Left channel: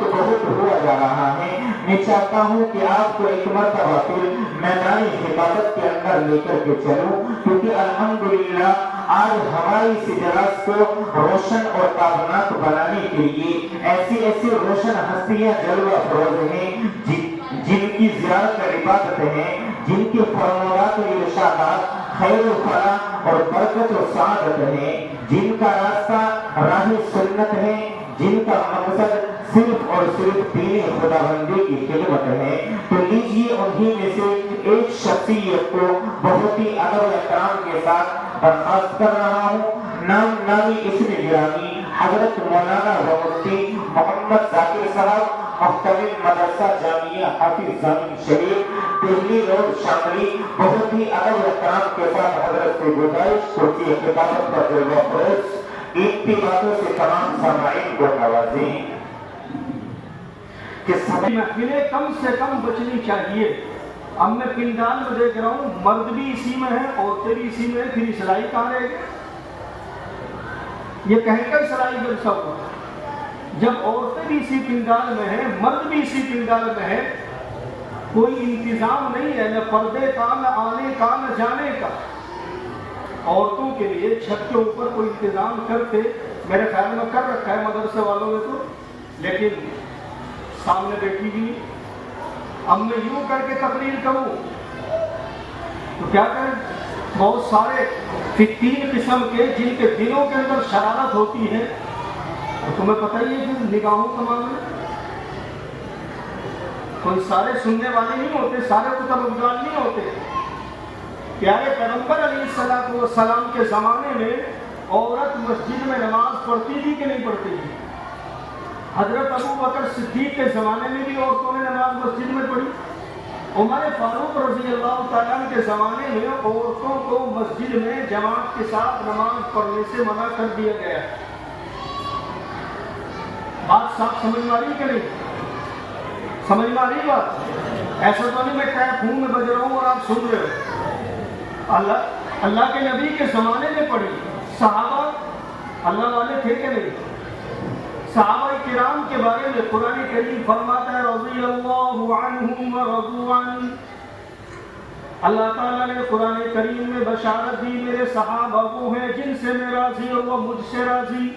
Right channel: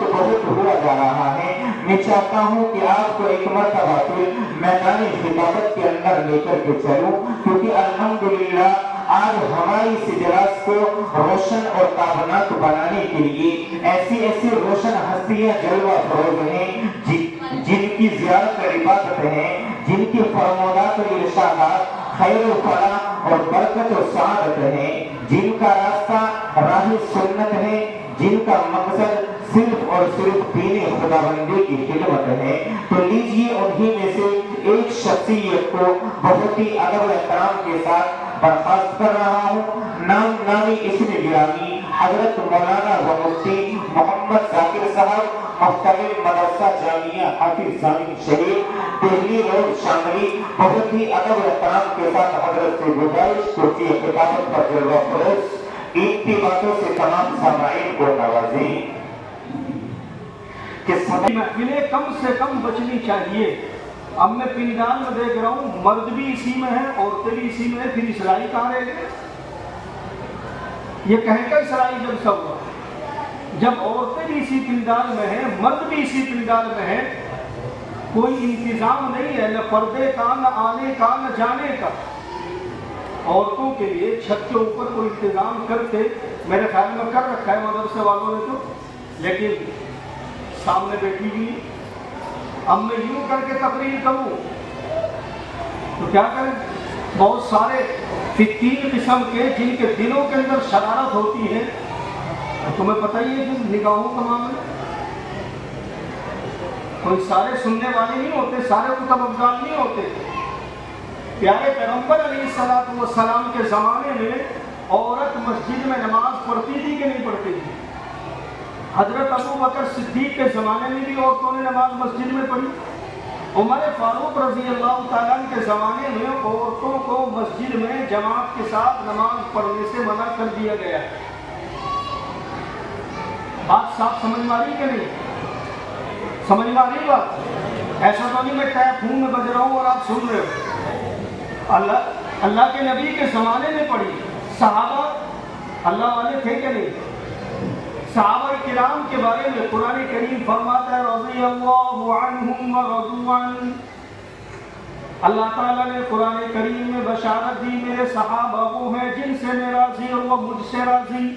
وقت بہت ہوا جا رہا ہے، میں چاہتا ہوں کہ آپ کو ایک مرتبہ پھر میدان خطابت کے اندر لے کر کے چلوں، کیونکہ الحمدللہ آج ہماری اس اجلاس کو روشن اور تابناک بنانے کے لیے ایسی ایسی روشن ہستیاں جلوہ افروز ہیں جن کی زیارت عبادت ہے، جن کے فرمودات و ارشادات خیر و فلاح اور برکت و سعادت ہے، جن کا راستہ راہ سنت ہے، جن کا مقصد صرف اور صرف دین خداوندی کی خدمت ہے۔ تو لیجیے انہی میں سے ایک شخصیت کو بہت ہی ادب و احترام کے ساتھ برخاست کر رہا ہوں۔ نامی اسم گرامی حضرت مولانا و مفتی محمد ذاکر صاحب، محتمل مدرسہ جامعہ حافظ ضامن شہید، دہلی روڈ شاملی، بہت ہی ادب و احترام کے ساتھ حضرت سے گزارش کرسی خطابت پر جلوہ افروز ان کی باتوں سے تمام سامعین کو نوازیں کہ محفلیں کم سے کم بچنی چاہیے۔ اب میں پنڈال میں دیکھ رہا ہوں مرد بھی اسی میں ہے، عورتیں بھی اسی میں ہے، پھر اسلائی کہاں رہ گئے؟ یہ کہیں کا اسلائی جلسہ ہوا؟ جب عورتیں بھی اسی پنڈال میں ہیں، مرد بھی اسی پنڈال میں ہے، کوئی انتظام نہیں ہے، نہ پردے کا، نہ آنے کا، نہ جانے کا۔ عورتوں کے لیے چھت کے اوپر کوئی انتظام کرتے، میرے خیال میں کر رکھا ہے مدرسے والوں نے تو، لیکن سامنے بیٹھی بھی۔ اب میں یوں کر کے تقریر کروں تو کیا کریں؟ بہت سارے فقیر قسم کے جن کے دلوں کے اندر شرارت ہوتی ہے، تو تمہیں پتہ ہی ہے کہ نگاہوں کا معاملہ، کوئی سارے سننے والے نہیں ہوتے، سارے کتب افضال نہیں ہوتے۔ پیارے پیغمبر علیہ السلام کے زمانے میں عورت مسجد میں نماز پڑھتی تھی کہ نہیں پڑھتی تھی؟ حضرت ابو بکر صدیق کے زمانے میں بھی عورتوں نے نماز مسجد میں پڑھی۔ عمر فاروق رضی اللہ تعالیٰ عنہ کے زمانے میں عورتوں کو مسجد میں جماعت کے ساتھ نماز پڑھنے سے منع کر دیا گیا۔ بات صاف سمجھ میں آ رہی کہ نہیں؟ سمجھ میں آ رہی بات؟ ایسا تو نہیں میں ٹیپ ہوں میں بج رہا ہوں اور آپ سن رہے ہو۔ اللہ کے نبی کے زمانے میں پڑھی۔ صحابہ اللہ والے تھے کہ نہیں؟ صحابہ کرام کے بارے میں قرآن کریم فرماتا ہے رضی اللہ عنہم ورضوا عنہ۔ اللہ تعالیٰ نے قرآن کریم میں بشارت دی، میرے صحابہ وہ ہیں جن سے میں راضی اور وہ مجھ سے راضی۔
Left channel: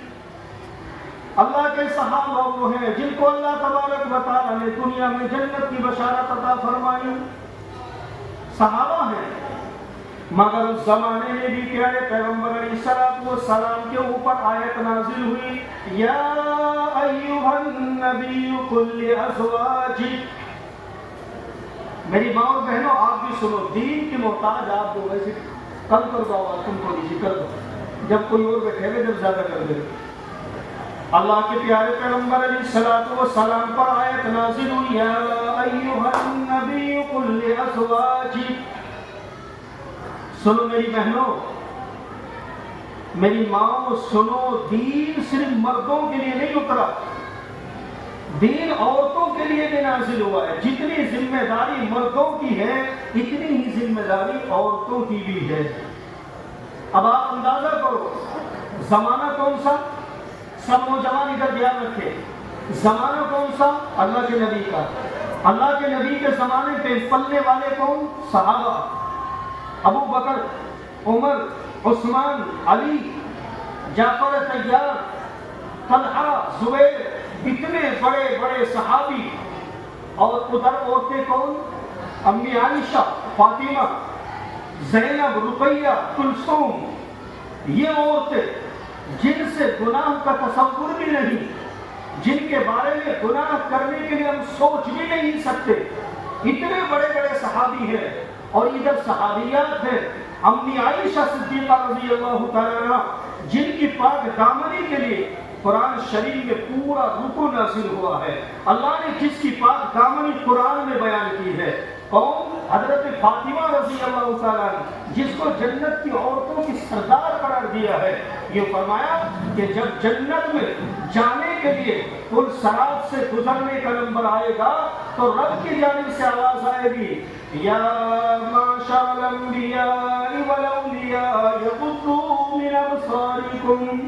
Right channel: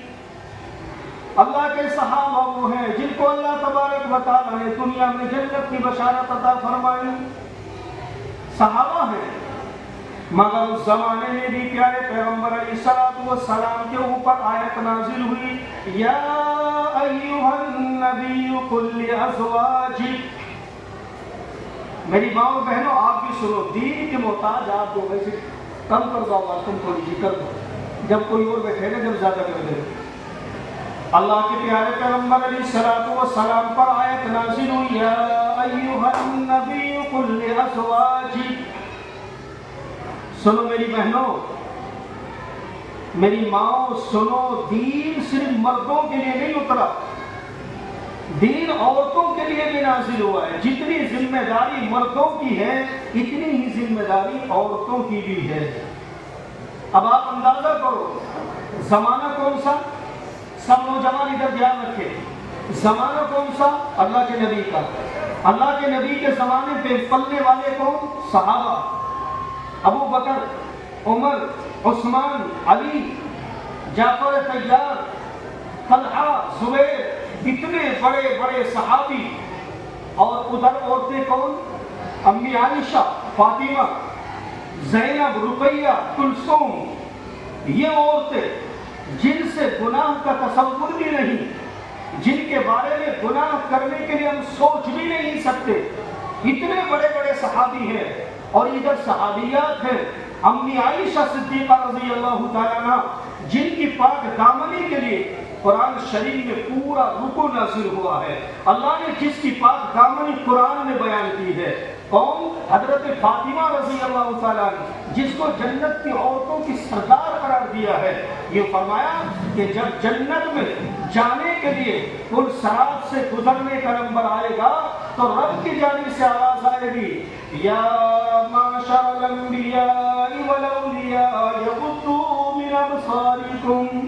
اللہ کے صحابہ وہ ہیں جن کو اللہ تبارک و تعالیٰ نے دنیا میں جنت کی بشارت عطا فرمائی۔ صحابہ ہیں، مگر اس زمانے میں بھی پیارے پیغمبر علیہ السلام کے اوپر آیت نازل ہوئی، یا ایھا النبی قل لازواجک۔ میری ماں اور بہنوں آپ بھی سنو، دین کے محتاج آپ دو، ویسے کم کر دو آواز، تم تھوڑی سی کر دو، جب کوئی اور بیٹھے گا جب زیادہ کر دے۔ اللہ کے پیارے پیغمبر علیہ السلام پر آیت نازل ہوئی، یا ایھا النبی قل لازواجک۔ سنو میری بہنوں، میری ماں سنو، دین صرف مردوں کے لیے نہیں اترا، دین عورتوں کے لیے بھی نازل ہوا ہے۔ جتنی ذمہ داری مردوں کی ہے اتنی ہی ذمہ داری عورتوں کی بھی ہے۔ اب آپ اندازہ کرو زمانہ کون سا؟ سب نوجوان ادھر دھیان رکھے، زمانہ کون سا؟ اللہ کے نبی کا۔ اللہ کے نبی کے زمانے پہ پلنے والے کون؟ صحابہ، ابو بکر، عمر، عثمان، علی، جعفر طیار، طلحہ، زبیر، اتنے بڑے بڑے صحابی۔ اور ادھر عورتیں کون؟ امی عائشہ، فاطمہ، زینب، رقیہ، کلثوم۔ یہ عورتیں جن سے گناہ کا تصور بھی نہیں، جن کے بارے میں گناہ کرنے کے لیے ہم سوچ بھی نہیں سکتے، اتنے بڑے بڑے صحابی ہیں۔ اور ادھر صحابیات ہیں، امی عائشہ صدیقہ رضی اللہ تعالیٰ عنہ، جن کی پاک دامنی کے لیے قرآن شریف میں پورا رکوع نازل ہوا ہے۔ اللہ نے جس کی پاک دامنی قرآن میں بیان کی ہے، کون؟ حضرت فاطمہ رضی اللہ تعالیٰ عنہ، جس کو جنت کی عورتوں کی سردار قرار دیا ہے۔ یہ فرمایا کہ جب جنت میں جانے کے لیے پل صراط سے گزرنے کا نمبر آئے گا تو رب کی جانب سے آواز آئے گی، یا معشر الانبیاء والاولیاء یغضوا من ابصارکم۔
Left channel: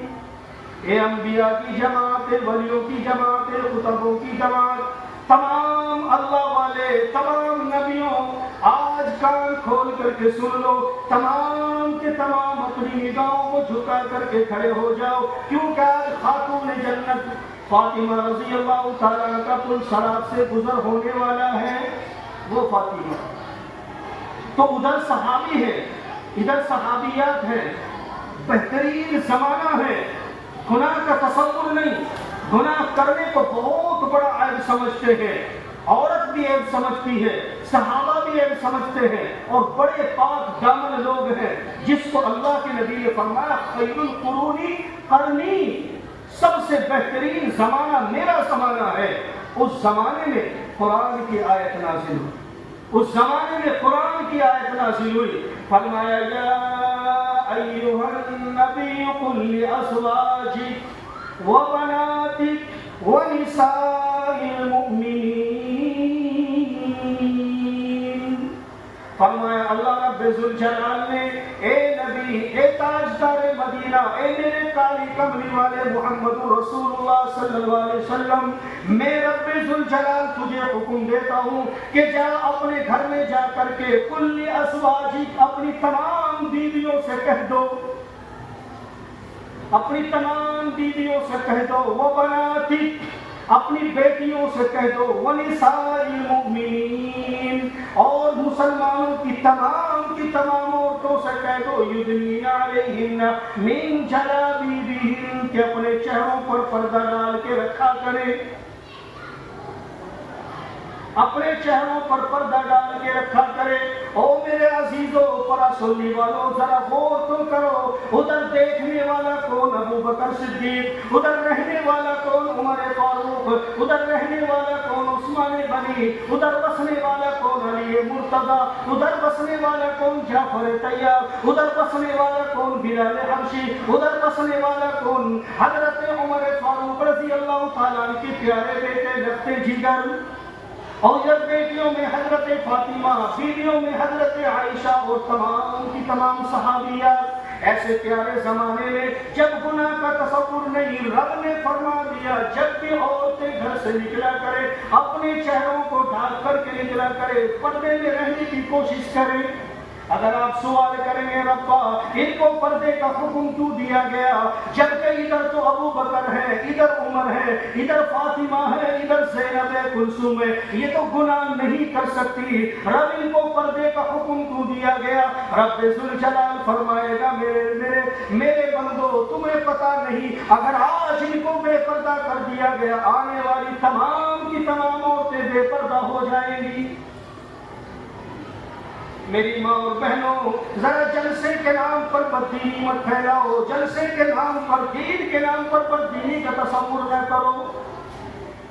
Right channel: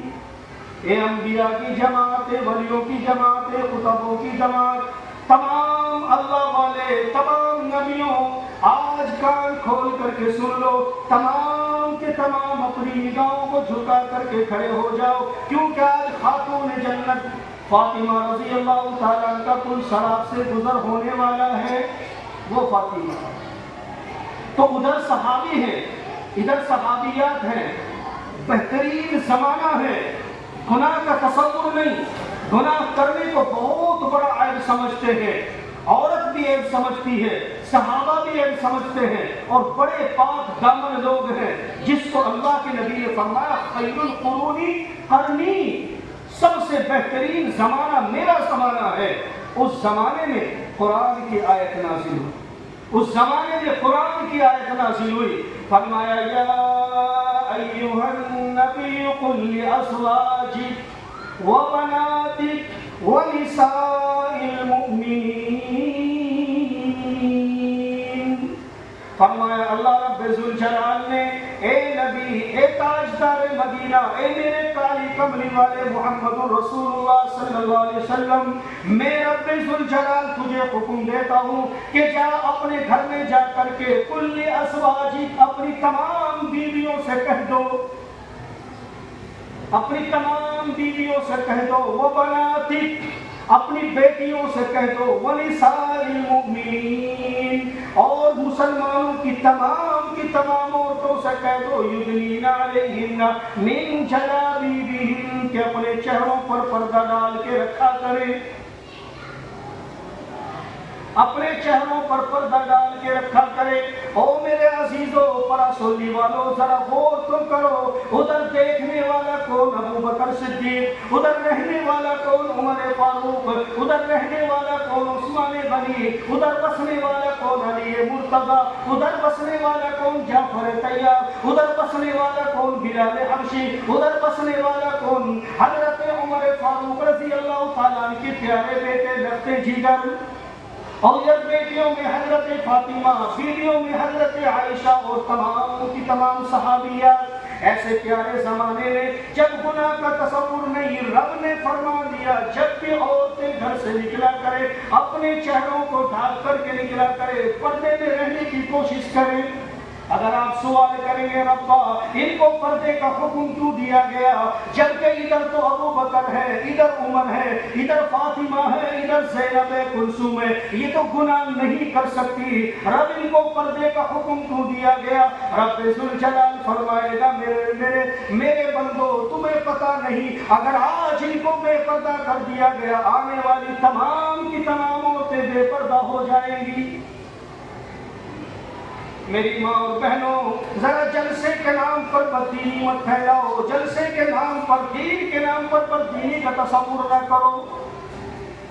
اے انبیاء کی جماعت، ولیوں کی جماعت، کتبوں کی جماعت، تمام اللہ والے، تمام نبیوں، آج کان کھول کر کے سن لو، تمام کے تمام اپنی نگاہوں کو جھکا کر کے کھڑے ہو جاؤ، کیونکہ آج خاتون جنت فاطمہ رضی اللہ تعالیٰ کا پل صراط سے گزر ہونے والا ہے، وہ فاطمہ۔ تو ادھر صحابی ہے، ادھر صحابیات ہیں، بہترین زمانہ ہے، گناہ کا تصور نہیں، گناہ کرنے کو بہت بڑا عیب سمجھتے ہیں، عورت بھی عیب سمجھتی ہے، صحابہ بھی عیب سمجھتے ہیں، اور بڑے پاک دامن لوگ ہیں جس کو اللہ کے نبی نے فرمایا خیر القرون قرنی، سب سے بہترین زمانہ میرا زمانہ ہے۔ اس زمانے میں قرآن کی آیت نازل ہوئی، اس زمانے میں قرآن کی آیت نازل ہوئی، فرمایا یا ایھا النبی قل لازواجک وبناتک ونساء المؤمنین، فرمایا اللہ رب ذوالجلال نے، اے نبی، اے تاجدار مدینہ، اے میرے کالی کملی والے محمد رسول اللہ صلی اللہ علیہ وسلم، میں رب ذوالجلال تجھے حکم دیتا ہوں کہ جا اپنے گھر میں جا کر کے کل ازواجک، اپنی تمام بیویوں سے کہہ دو، اپنی تمام بیویوں سے کہہ دو، وہ بناتک، اپنی بیٹیوں سے کہہ دو، وَنِسَاءِ الْمُؤْمِنِينَ، اور مسلمانوں کی تمام عورتوں سے کہہ دو، یُدْنِینَ عَلَیہِنَّ مِن جَلَابِیبِہِنَّ، کہ اپنے چہروں پر پردہ ڈال کے رکھا کریں، اپنے چہروں پر پردہ ڈال کے رکھا کرے۔ او میرے عزیزوں، پرا سننے والوں، ذرا غور تو کرو، ادھر دیکھنے والا کون؟ ابو بکر صدیق، ادھر رہنے والا کون؟ عمر فاروق، ادھر رہنے والا کون؟ عثمان غنی، ادھر بسنے والا کون؟ علی مرتضیٰ، ادھر بسنے والا کون؟ جعفر طیار، ادھر بسنے والا کون؟ بلال حبشی، ادھر بسنے والا کون؟ حضرت عمر فاروق رضی اللہ تعالیٰ عنہ کے پیارے بیٹے لگتے جگر، اور جب بیٹیوں میں حضرت فاطمہ، بیویوں میں حضرت عائشہ، اور تمام کی تمام صحابیات، ایسے پیارے زمانے میں جب گناہ کا تصور نہیں، رب نے فرما دیا جب بھی عورتیں گھر سے نکلا کرے اپنے چہروں کو ڈھانپ کر کے نکلا کرے، پردے میں رہنے کی کوشش کریں۔ اگر آپ سوال کریں گے ربا ان کو پردے کا حکم کیوں دیا گیا، جبکہ ادھر تو ابو بکر ہے، ادھر عمر ہے، ادھر فاطمہ ہے، ادھر زینب کلثوم ہے، یہ تو گناہ نہیں کر سکتی، رب ان کو پردے کا حکم کیوں دیا گیا؟ رب ذوالجلال فرمائے گا میرے بندو، تمہیں پتا نہیں، اگر آج ان کو بے پردہ کر دیا گیا، آنے والی تمام کی تمام عورتیں بے پردہ ہو جائیں گی۔ میری ماں اور بہنوں، ذرا جلسے کے نام پر بددینی مت پھیلاؤ، جلسے کے نام پر، دین کے نام پر بددینی کا تصور نہ کرو۔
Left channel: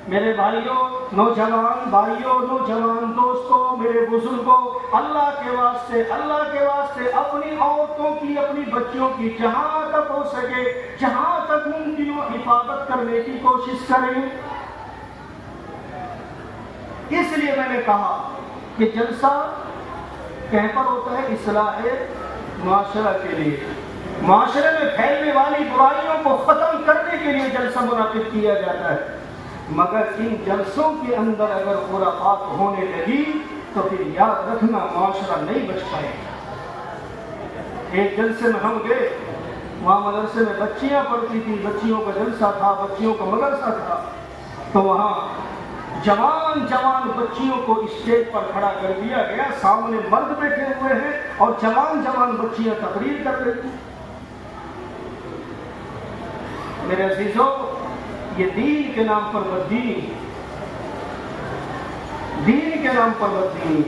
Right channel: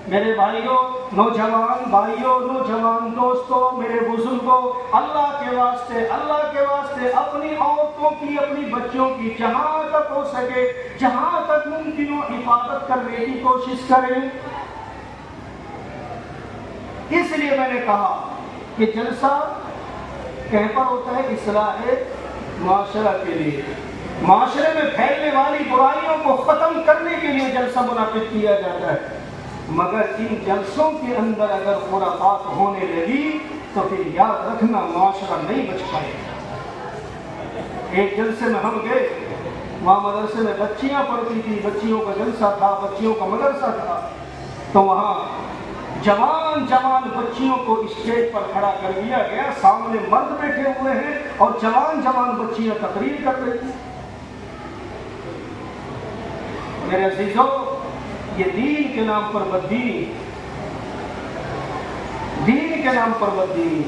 میرے بھائیوں، نوجوان بھائیوں، نوجوان دوستوں، میرے بزرگوں، اللہ کے واسطے اپنی عورتوں کی، اپنی بچیوں کی جہاں تک ہو سکے، جہاں تک ممکن ہو حفاظت کرنے کی کوشش کریں۔ اس لیے میں نے کہا کہ جلسہ کہیں پر ہوتا ہے؟ اصلاح معاشرہ کے لیے، معاشرے میں پھیلنے والی برائیوں کو ختم کرنے کے لیے جلسہ منعقد کیا جاتا ہے، مگر ان جلسوں کے اندر اگر خرافات ہونے لگی تو پھر یاد رکھنا معاشرہ نہیں بچ پائے۔ ایک جلسے میں ہم گئے، وہاں مدرسے میں بچیاں پڑھتی تھی، بچیوں کا جلسہ تھا، بچیوں کا مدرسہ تھا، تو وہاں جوان بچیوں کو اسٹیج پر کھڑا کر دیا گیا، سامنے مرد بیٹھے ہوئے ہیں اور جوان بچیاں تقریر کر رہی تھیں۔ میرے عزیزوں، یہ دین کے نام پر بددینی، دین کے نام پر بددینی۔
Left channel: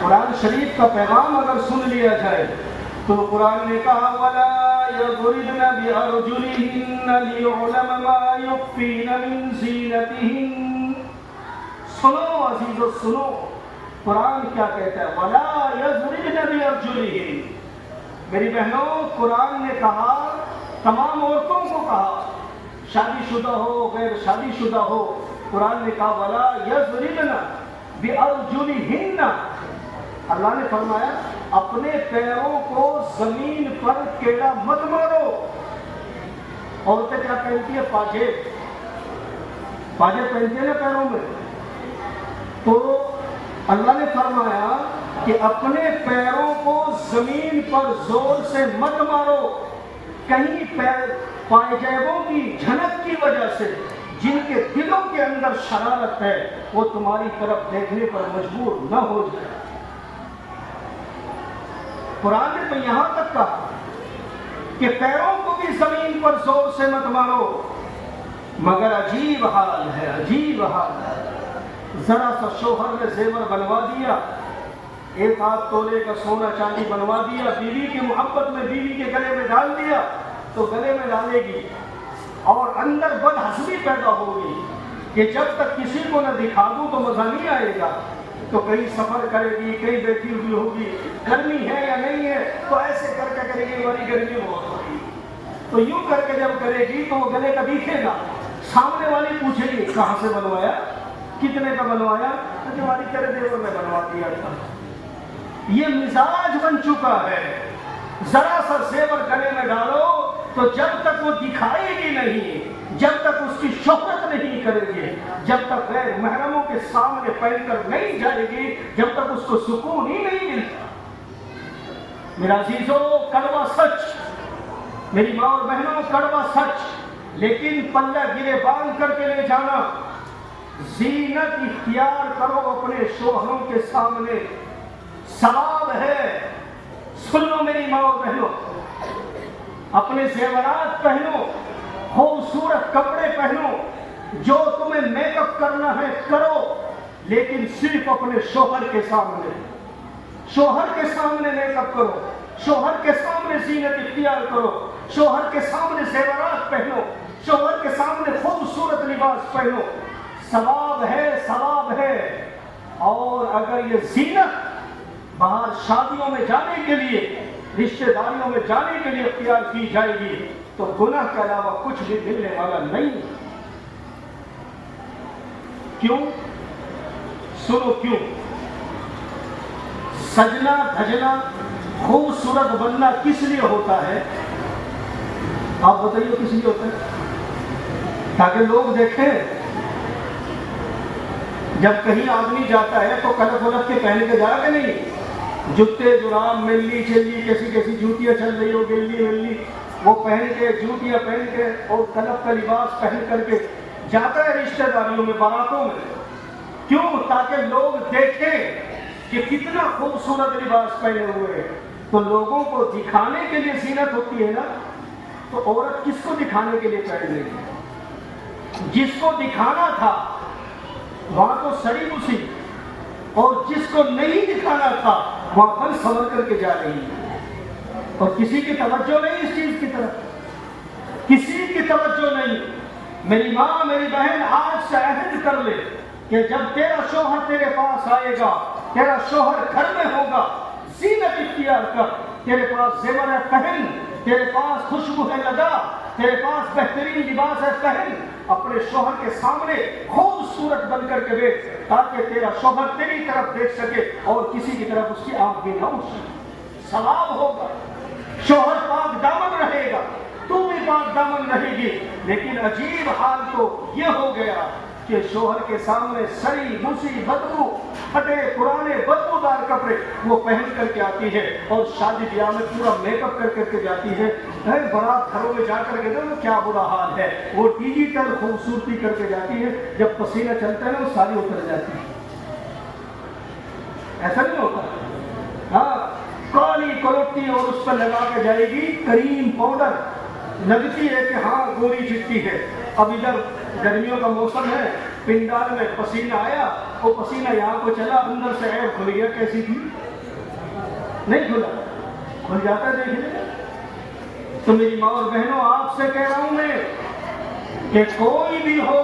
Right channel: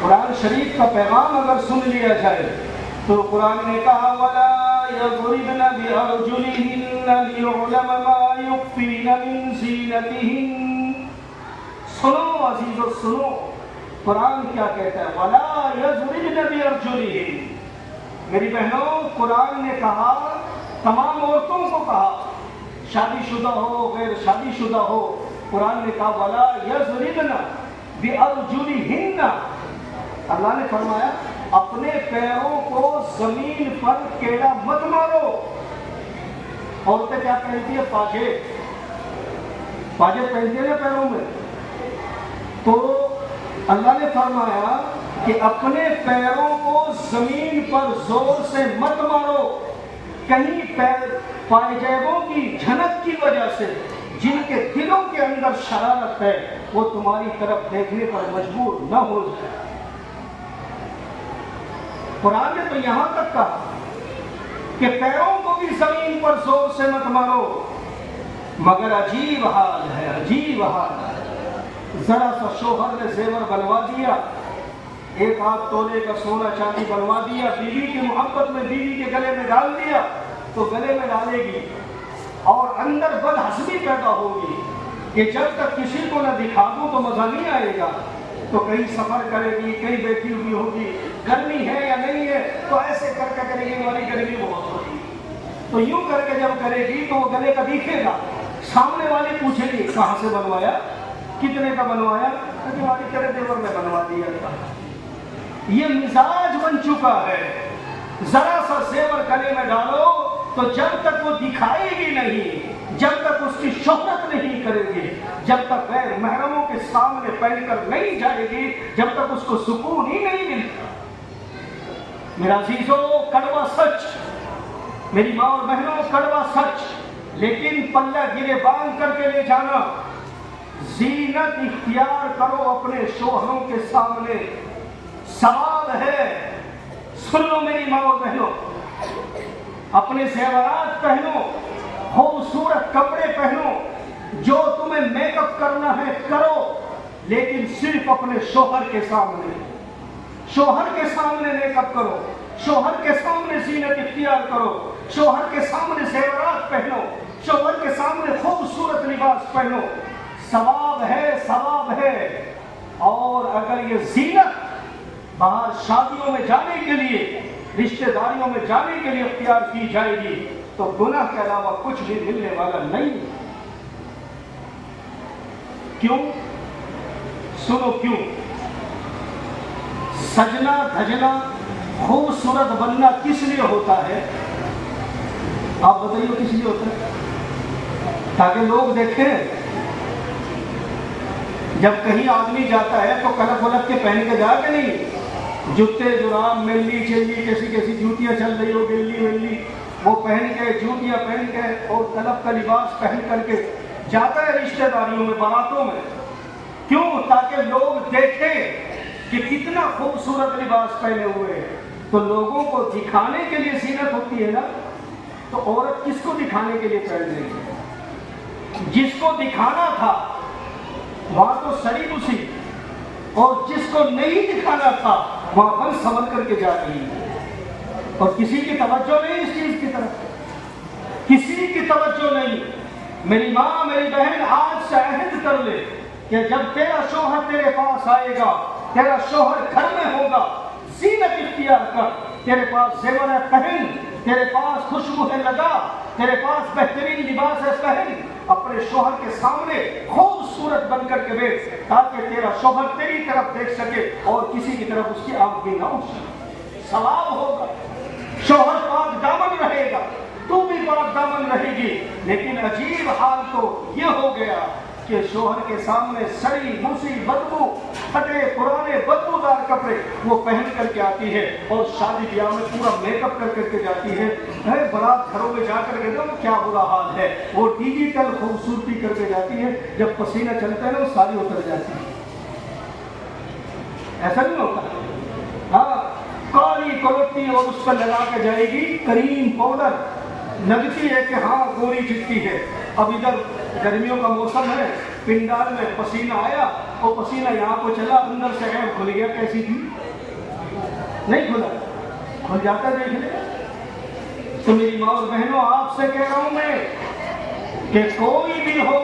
قرآن شریف کا پیغام اگر سن لیا جائے تو قرآن نے کہا وَلَا يَضْرِبْنَ بِأَرْجُلِهِنَّ لِيُعْلَمَ مَا يُخْفِينَ مِن زِينَتِهِنَّ۔ سنو عزیزو، سنو قرآن کیا کہتا ہے، وَلَا يَضْرِبْنَ بِأَرْجُلِهِنَّ۔ میری بہنوں، قرآن نے کہا، تمام عورتوں کو کہا، شادی شدہ ہو غیر شادی شدہ ہو، قرآن نے کہا وَلَا يَضْرِبْنَ بِأَرْجُلِهِنَّ۔ اللہ نے فرمایا اپنے پیروں کو زمین پر کیڑا مت مارو، عورتیں کیا پہنتی ہیں؟ پاجے پہنتے ہیں نا پیروں میں. تو اللہ نے فرمایا کہ اپنے پیروں کو زمین پر زور سے مت مارو، کہیں پائجیبوں کی جھنک کی وجہ سے جن کے دلوں کے اندر شرارت ہے وہ تمہاری طرف دیکھنے پر مجبور نہ ہو جائے. قرآن نے تو یہاں تک کہا کہ پیروں کو بھی زمین پر زور سے مت مارو. مگر عجیب حال ہے، عجیب حال ہے. ذرا سا شوہر نے زیور بنوا دیا، 1 تولے کا سونا چاندی بنوا دیا، بیوی کی محبت میں بیوی کے گلے میں ڈال دیا تو گلے میں ڈالے گی، اور اندر بدحسبی پیدا ہوگی کہ جب تک کسی کو نہ دکھا دوں تو مزہ نہیں آئے گا. تو کہیں سفر کرے گی، کہیں بیٹھی ہوئی ہوگی، گرمی ہے یا نہیں ہے تو ایسے کر کے کرے گی، والی گرمی بہت ہوگی تو یوں کر کے جب کرے گی تو وہ گلے کا دکھے گا. سامنے والی پوچھے گی کہاں سے بنوایا، کتنے کا بنوایا؟ کہ ہماری تیرے دیور میں بنوا دیا تھا. یہ مزاج بن چکا ہے. ذرا سا زیور گلے میں ڈالو تو جب تک وہ دکھائے گی نہیں، جب تک اس کی شہرت نہیں کرے گی، جب تک غیر محرموں کے سامنے پہن کر نہیں جائے گی، جب تک اس کو سکون ہی نہیں ملتا. میرا عزیزو، کڑوا سچ، میری ماں اور بہنوں، کڑوا سچ، لیکن پلہ گرے باندھ کر کے لے جانا. زینت اختیار کرو اپنے شوہروں کے سامنے، ثواب ہے. سن لو میری ماں اور بہنوں، اپنے زیورات پہنو، خوبصورت کپڑے پہنو، جو تمہیں میک اپ کرنا ہے کرو، لیکن صرف اپنے شوہر کے سامنے. شوہر کے سامنے میک اپ کرو، شوہر کے سامنے زینت اختیار کرو، شوہر کے سامنے زیورات پہنو، شوہر کے سامنے خوبصورت لباس پہنو. ثواب ہے، ثواب ہے. اور اگر یہ زینت باہر شادیوں میں جانے کے لیے، رشتہ داریوں میں جانے کے لیے اختیار کی جائے گی تو گناہ کے علاوہ کچھ بھی ملنے والا نہیں. کیوں؟ سنو کیوں. سجنا دھجنا، خوبصورت بننا کس لیے ہوتا ہے؟ آپ بتائیے کس لیے ہوتا ہے؟ تاکہ لوگ دیکھیں. جب کہیں آدمی جاتا ہے تو کلف ولف کے پہن کے جا کے نہیں، جوتے جراب ملی چلی کیسی کیسی جوتیاں چل رہی ہو گلی ملی، وہ پہن کے، جوتیاں پہن کے اور کلف کا لباس پہن کر کے جاتا ہے رشتہ داریوں میں، باراتوں میں. کیوں؟ تاکہ لوگ دیکھیں کہ کتنا خوبصورت لباس پہنے ہوئے. تو لوگوں کو دکھانے کے لیے زینت ہوتی ہے نا. تو عورت کس کو دکھانے کے لیے پہن رہی ہے؟ جس کو دکھانا تھا وہاں تو سری بسی، اور جس کو نہیں دکھانا تھا وہاں بن سنور کر کے جا رہی ہے. اور کسی کی توجہ نہیں اس چیز کی طرف، کسی کی توجہ نہیں. میری ماں، میری بہن، آج سے عہد کر لے کہ جب تیرا شوہر تیرے پاس آئے گا، تیرا شوہر گھر میں ہوگا، زینت اختیار کر. تیرے پاس زیور ہے پہن، تیرے پاس خوشبو ہے لگا، تیرے پاس بہترین لباس ہے پہن. اپنے شوہر کے سامنے خوبصورت بن کر کے بیٹھ، تاکہ تیرا شوہر تیری طرف دیکھ سکے اور کسی کی طرف اس کی آنکھ بھی نہ اٹھ سکے. ثواب ہوگا. شوہر پاک دامن رہے گا، تو بھی پاک دامن رہے گی. لیکن عجیب حال تو یہ ہو گیا کہ شوہر کے سامنے سڑی موسی بدبو، پھٹے پرانے بدبودار کپڑے وہ پہن کر کے آتی ہے، اور شادی بیاہ میں پورا میک اپ کر کر کے جاتی ہے. برات گھروں میں جا کر کے دیکھو کیا برا حال ہے. وہ ڈیجیٹل خوبصورتی کر کے جاتی ہے، جب پسینہ چلتا ہے نا وہ ساری اتر جاتی ہے. ایسا نہیں ہوتا؟ ہاں، کالی کلوٹی اور اس پر لگا کے جائے گی کریم پاؤڈر، لگتی ہے کہ ہاں گوری چٹی ہے. اب ادھر گرمیوں کا موسم ہے، پنڈال میں پسینہ آیا، وہ پسینہ یہاں کو چلا، اندر سے عیب کھل گیا. کیسی تھی؟ نہیں کھلا، کھل جاتا ہے دیکھنے. تو میری ماں اور بہنوں، آپ سے کہہ رہا ہوں میں کہ کوئی بھی ہو،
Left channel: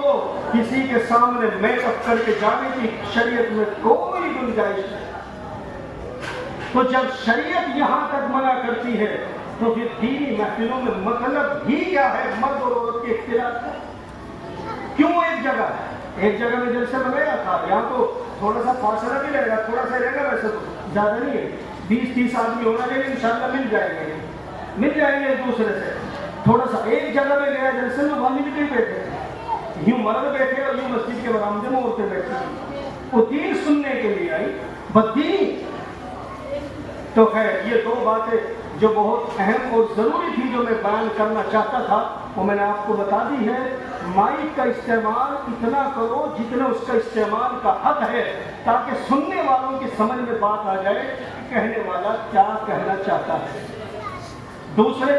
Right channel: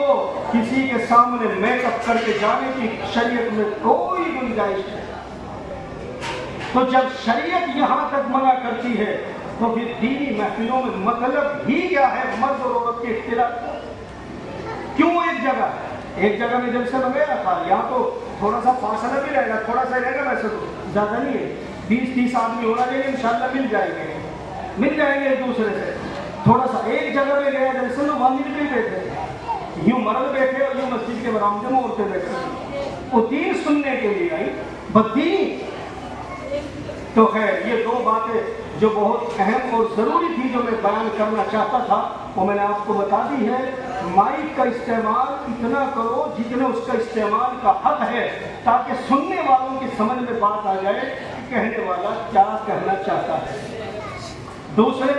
کسی کے سامنے میک اپ کر کے جانے کی شریعت میں کوئی گنجائش نہیں. تو جب شریعت یہاں تک منع کرتی ہے تو پھر دینی محفلوں میں مطلب ہی کیا ہے؟ مرد اور عورت کے اختلاف. کیوں ایک جگہ میں جب سے میں گیا تھا، یہاں تو تھوڑا سا فاصلہ بھی رہے گا، تھوڑا سا رہے گا، ویسے تو زیادہ نہیں ہے، 20-30 آدمی ہونا چاہیے، انشاءاللہ مل جائیں گے ایک دوسرے سے. تھوڑا سا ایک جگہ پہ گیا جلسے میں، وہاں مل کے بیٹھے، یوں مرد بیٹھے اور یوں مسجد کے برآمدے میں عورتیں بیٹھے، وہ دین سننے کے لیے آئی، بدین۔ تو خیر یہ دو باتیں جو بہت اہم اور ضروری تھی جو میں بیان کرنا چاہتا تھا وہ میں نے آپ کو بتا دی ہے۔ مائک کا استعمال اتنا کرو جتنا اس کا استعمال کا حق ہے، تاکہ سننے والوں کی سمجھ میں بات آ جائے کہ کہنے والا کیا کہنا چاہتا ہے۔ دوسرے،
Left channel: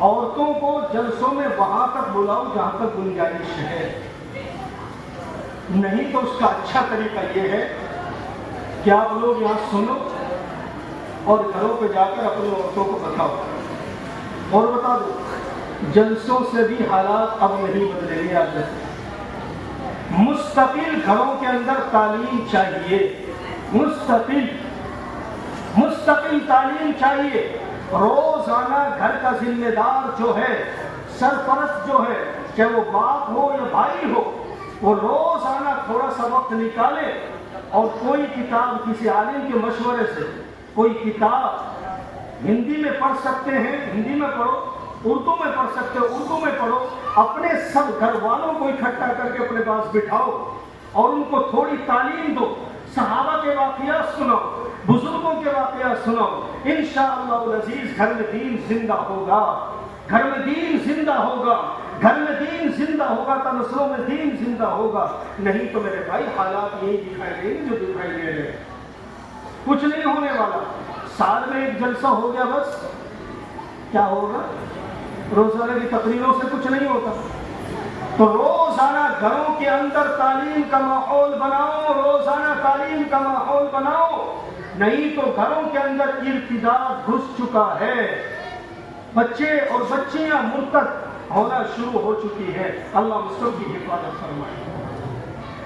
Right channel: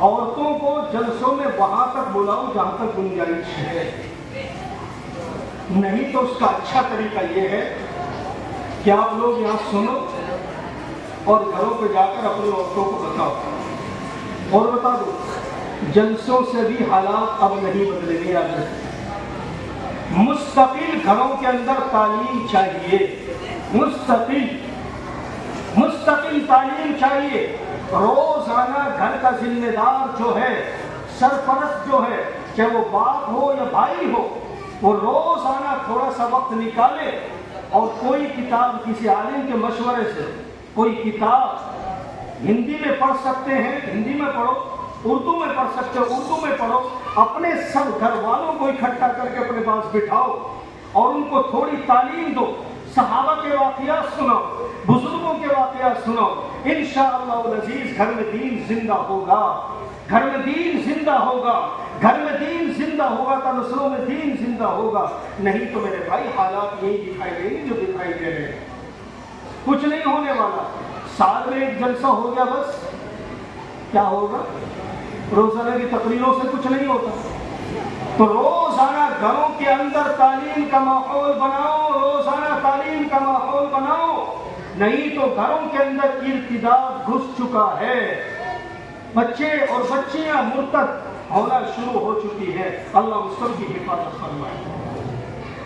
عورتوں کو جلسوں میں وہاں تک بلاؤ جہاں تک گنجائش ہے، نہیں تو اس کا اچھا طریقہ یہ ہے کہ آپ لوگ یہاں سنو اور گھروں پہ جا کر اپنی عورتوں کو بتاؤ اور بتا دو۔ جلسوں سے بھی حالات اب نہیں بدلے گے، آج مستقل گھروں کے اندر تعلیم چاہیے، مستقل تعلیم چاہیے۔ روزانہ گھر کا ذمہ دار جو ہے، سرپرست جو ہے، چاہے وہ باپ ہو یا بھائی ہو، وہ روزانہ تھوڑا سا وقت نکالے اور کوئی کتاب کسی عالم کے مشورے سے، کوئی کتاب ہندی میں پڑھ سکتے ہیں ہندی میں پڑھو، اردو میں پڑھ سکتے ہو اردو میں پڑھو، اپنے سب گھر والوں کو اکٹھا کر کے اپنے پاس بٹھاؤ اور ان کو تھوڑی تعلیم دو، صحابہ کے واقعات سناؤ، بزرگوں کے واقعات سناؤ۔ انشاءاللہ العزیز گھر میں دین زندہ ہوگا، گھر میں دین زندہ ہوگا، گھر میں دین زندہ ہوگا تو نسلوں میں دین زندہ ہوگا۔ نہیں تو میرے بھائی حالات یہی دکھائی دیں گے جو دکھائی دے رہے ہیں، کچھ نہیں ہونے والا۔ سال میں ایک جلسہ ہو گیا بس، کیا ہوگا؟ روزانہ کی تقریروں سے کچھ نہیں ہوتا۔ تو روزانہ گھروں کے اندر تعلیم کا ماحول بناؤ، روزانہ تعلیم کا ماحول بناؤ، نہیں تو گھروں کے اندر ارتداد گھس چکا ہے، بچے اور بچیاں مرتد ہونا شروع ہو چکی ہے۔ اللہ ہم سب کی حفاظت فرمائے۔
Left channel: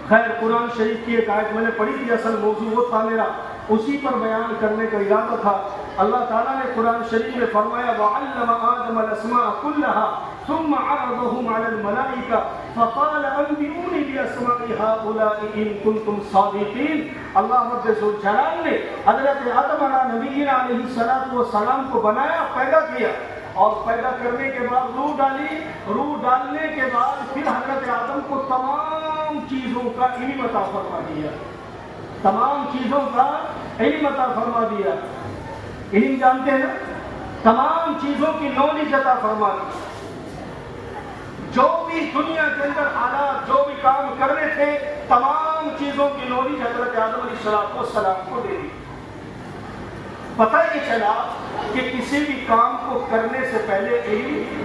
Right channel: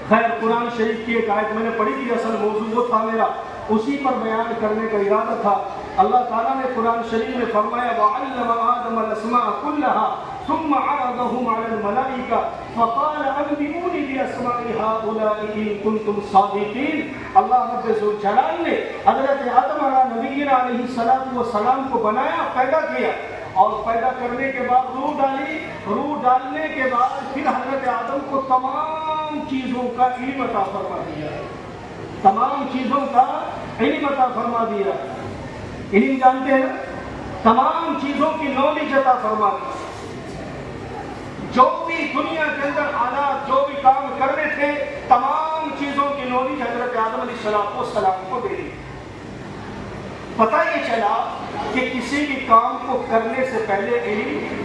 خیر قرآن شریف کی ایک آیت میں نے پڑھی تھی، اصل موضوع وہ تھا میرا، اسی پر بیان کرنے کا ارادہ تھا۔ اللہ تعالیٰ نے قرآن شریف میں فرمایا وَعَلَّمَ آدَمَ الْأَسْمَاءَ كُلَّهَا ثُمَّ عَرَضَهُمْ عَلَى الْمَلَائِكَةِ فَقَالَ أَنبِئُونِي بِأَسْمَاءِ هَؤُلَاءِ إِن كُنتُمْ صَادِقِينَ۔ اللہ رب ذوالجلال نے حضرت آدم علیہ السلام کو بنایا، پیدا کیا، اور پیدا کرنے کے بعد روح ڈالی، روح ڈالنے کے بعد پھر حضرت آدم کو تمام چیزوں کا علم عطا فرما دیا، تمام چیزوں کا علم عطا فرما دیا۔ علم جانتے ہیں، تمام چیزوں کی نالج عطا فرما دی۔ جو بھی دنیا کے اندر حالات، جو بھی کام کرنے تھے، تمام چیزوں کی نالج حضرت آدم علیہ السلام کو دے دی۔ پتہ یہ چلا کہ کسی بھی کام کو کرنے سے پہلے علم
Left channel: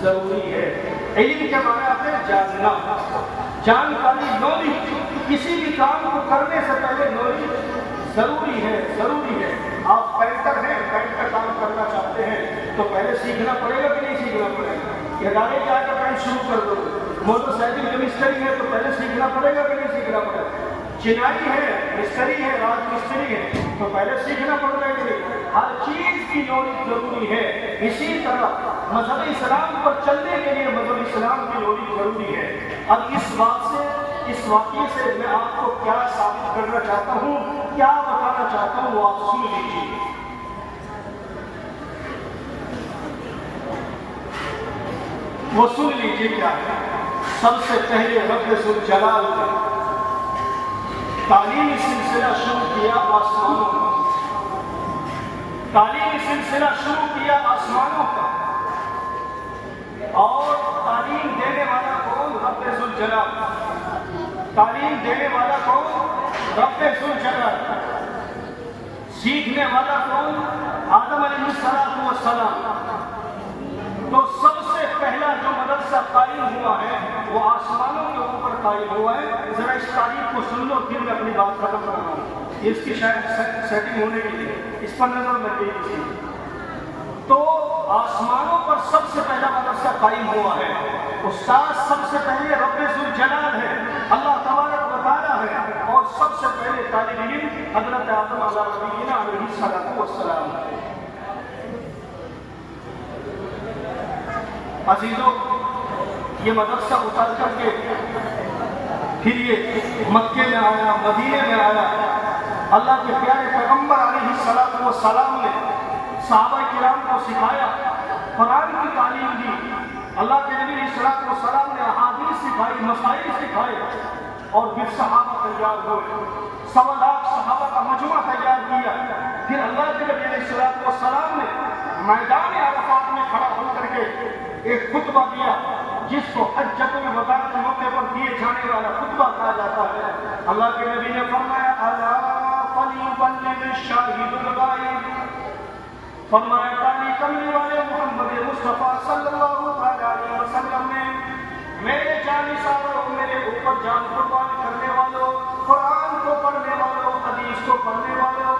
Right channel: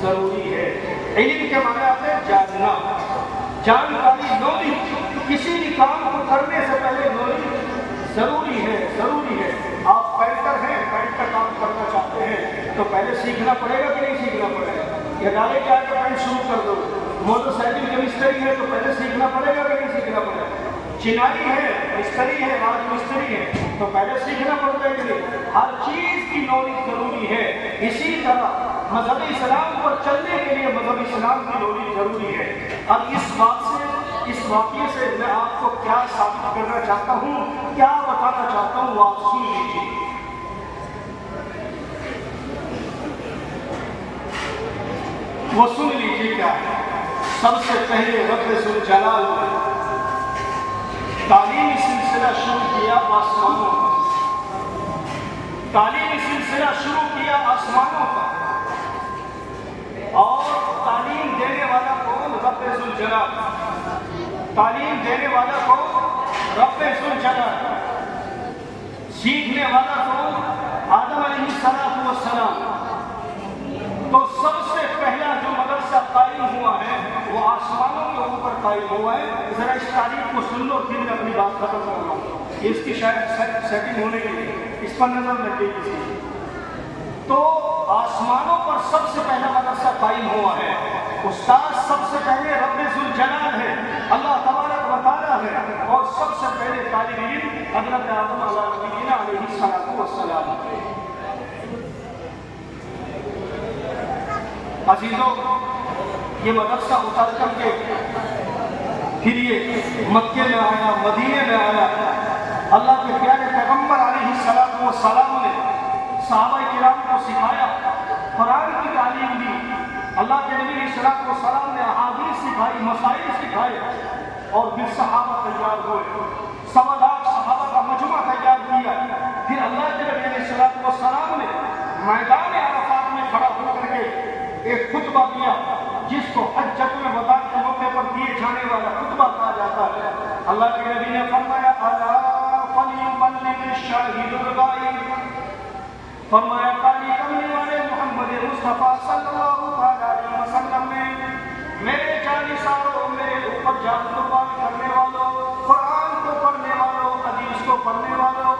ضروری ہے۔ علم کے معنی ہے جاننا، جانکاری، نالج۔ کسی بھی کام کو کرنے سے پہلے نالج ضروری ہے، ضروری ہے۔ آپ پینٹر ہیں، پینٹ کا کام کرنا چاہتے ہیں تو پہلے سیکھنا پڑے گا کہ نہیں سیکھنا پڑے گا؟ یا گاڑی کے آگے پینٹ شروع کر دو۔ موٹر سائیکل کی مستری ہے تو پہلے سیکھنا پڑے گا کہ نہیں سیکھنا پڑے گا؟ چنائی ہے، مستری ہے، راج مستری ہے تو پہلے سیکھنا پڑے گا کہ نہیں؟ ہر چیز کی نالج ضروری ہے۔ اسی طرح مذہب اسلام پر چلنے کے لیے مذہب اسلام کی نالج ضروری ہے۔ اب اس بات سے، اس واقعے سے میں آپ کو کیا ثابت کرنا چاہتا ہوں، کیا بتانا چاہتا ہوں، وہ آپ سن لیجیے۔ وہ سن لیجیے کیا ہے۔ سب سے پہلے رب ذوالجلال نے تعلیمی سلسلہ شروع کیا آسمانوں کا، تعلیمی سلسلہ شروع کیا آسمانوں کا، اور تعلیم دینے والا کون؟ رب ذوالجلال۔ تعلیم دینے والا کون؟ رب ذوالجلال۔ سیکھنے والا کون؟ آدم علیہ السلام۔ تو سب سے پہلا جو مدرسہ قائم ہوا ہے وہ آسمانوں کے اوپر قائم ہوا ہے۔ ذرا اس تاریخ کو سن لو، پھر میں اپنی بات ختم کر رہا ہوں۔ اس کی شاید سیٹنگ ہونے کے لیے اس پر نظر لگ گئی کسی۔ تو آسمانوں پر سب سے پہلا مدرسہ قائم ہوا ہے۔ استاد سب سے پہلے رب ذوالجلال ہے، اللہ تبارک و تعالیٰ ہے، اور سب سے پہلے طالب علم حضرت آدم علیہ السلام ہے۔ عزیزوں، یہ مدرسہ اتر کر کے پھر یہ مکے میں آیا، مدینے میں آیا۔ اللہ کے پیارے پیغمبر علیہ السلام نے صحابہ کرام کو سکھایا، قرآن کی تعلیم دی، اللہ کے نبی صلی اللہ علیہ وسلم نے احادیث سکھائی، مسائل سکھائے، اور پھر صحابہ تیار ہوئے، 1.25 لاکھ صحابہ کا مجمع تیار کیا۔ پھر اللہ کے نبی صلی اللہ علیہ وسلم نے میدان عرفات میں کھڑا ہو کر کے ایک خطبہ دیا، جس کو حجۃ الوداع کے موقع پر دیے جانے والا خطبہ کہا جاتا ہے۔ اللہ کے نبی نے فرمایا الا فلیبلغ الشاہد الغائب، فرمایا کالی کملی والے محمد مصطفیٰ صلی اللہ علیہ وسلم نے میرے جانثاروں، میرے اوپر جان قربان کرنے والوں، قرآن کو پڑھنے والوں، حدیث کو پڑھنے والوں،